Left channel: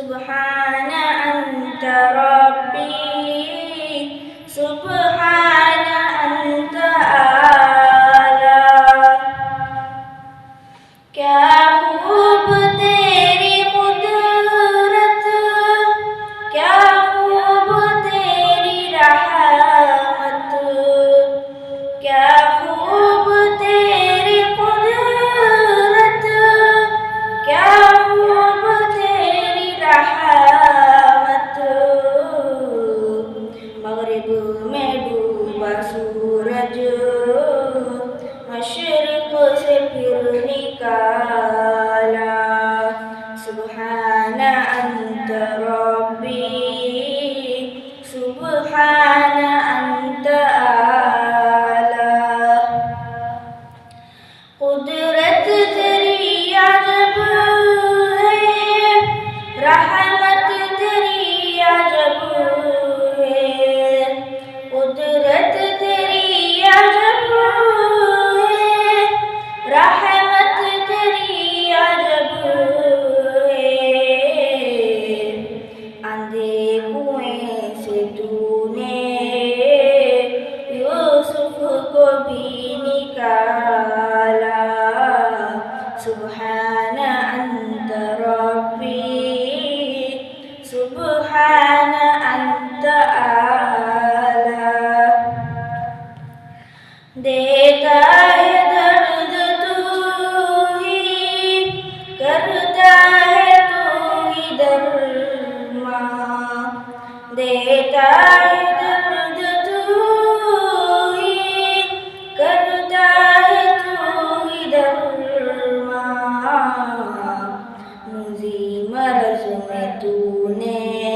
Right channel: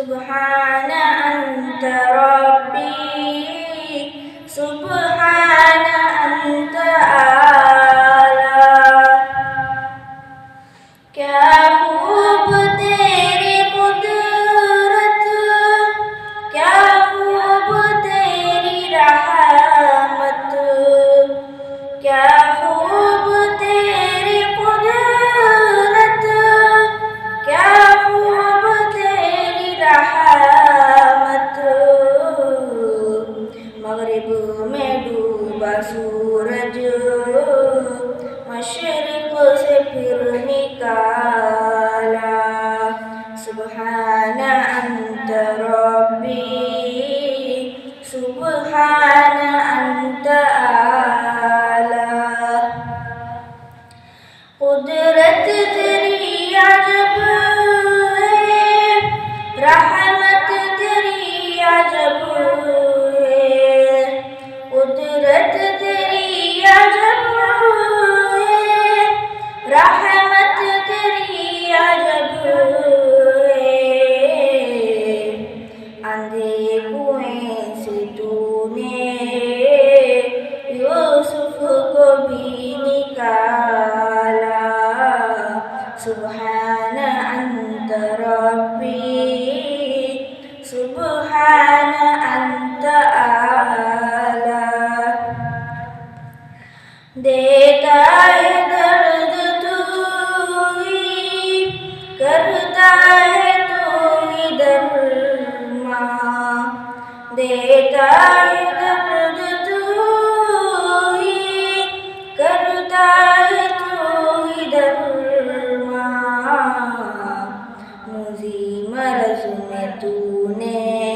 सुब्हान अंत रब्बी, सुब्हान अंत आला। क्या खूब तेरी कुदरत, क्या खूब तेरी रहमत, क्या खूब तेरी कुदरत, क्या खूब तेरी रहमत। मगरिब में डूबा सूरज, मशरिक से फिर निकाला। सुब्हान अंत रब्बी, सुब्हान अंत आला। कुदरत तेरी अजब है, रहमत तेरी अजब है। कुदरत तेरी अजब है, रहमत तेरी अजब है। अंधे कुएं से तूने यूसुफ को भी निकाला। सुब्हान अंत रब्बी, सुब्हान अंत आला। देता है दर्द तू ही, करता है तू ही दरमा। देता है दर्द तू ही, करता है तू ही दरमा। मुझे मरज़ में तूने